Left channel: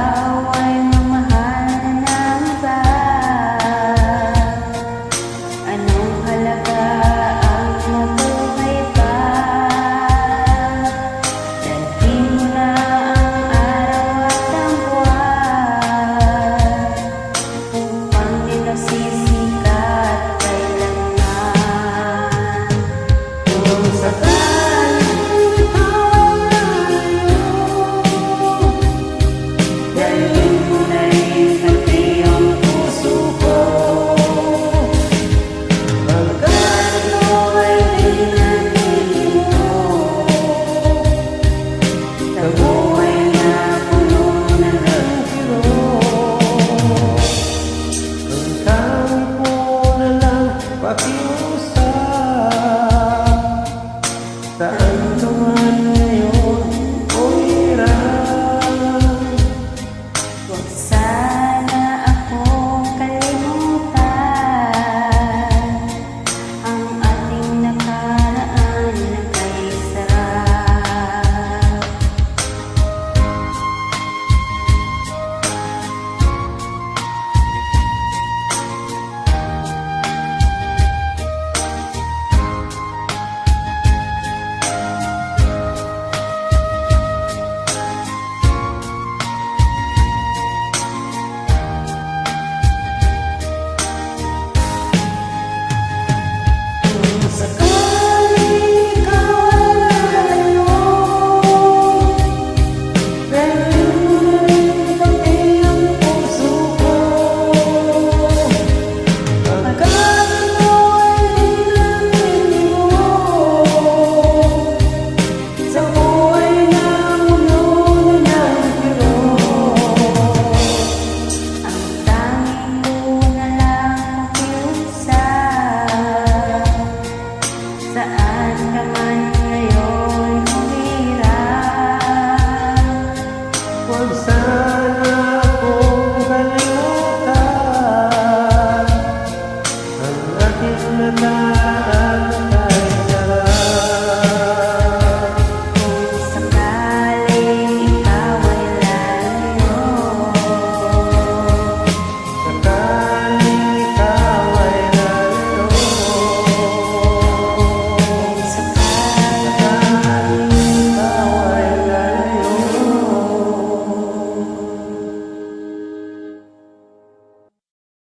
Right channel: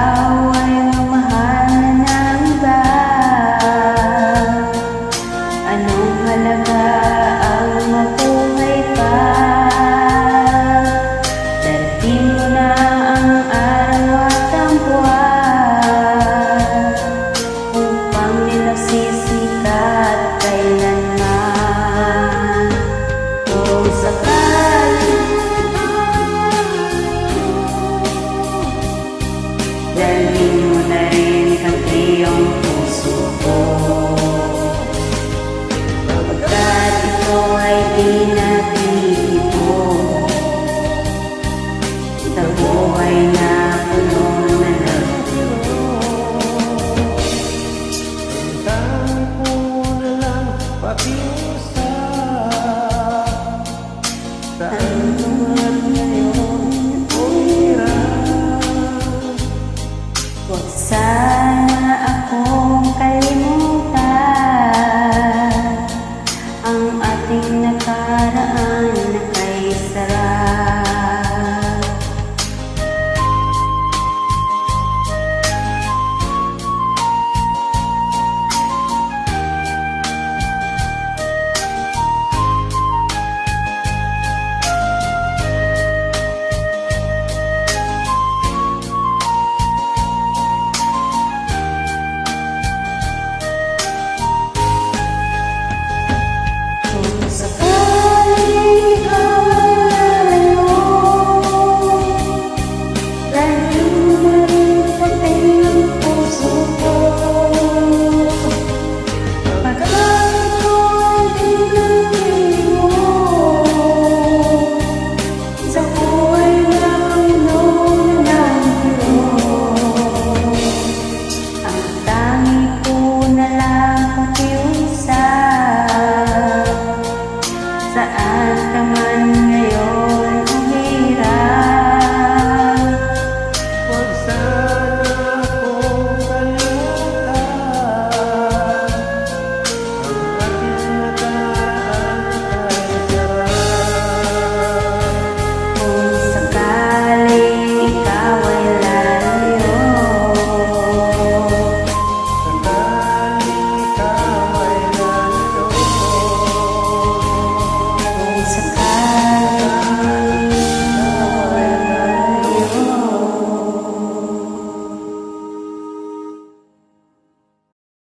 ikaw ay mamahal na ng iba, anong halaga ang mabuhay pa? Dalhin mo na ang araw at ang buwan upang nilagsisikat kailanman. Kung sakaling ikaw ay malayo, dalhin mo na rin pati ang puso ko, pagkat ito ay di nabibigyo sa buhay na puno na ng kirot. Ang tangi ko na lang pakiusap, saan ka man ngayon o hirap, Huwag sa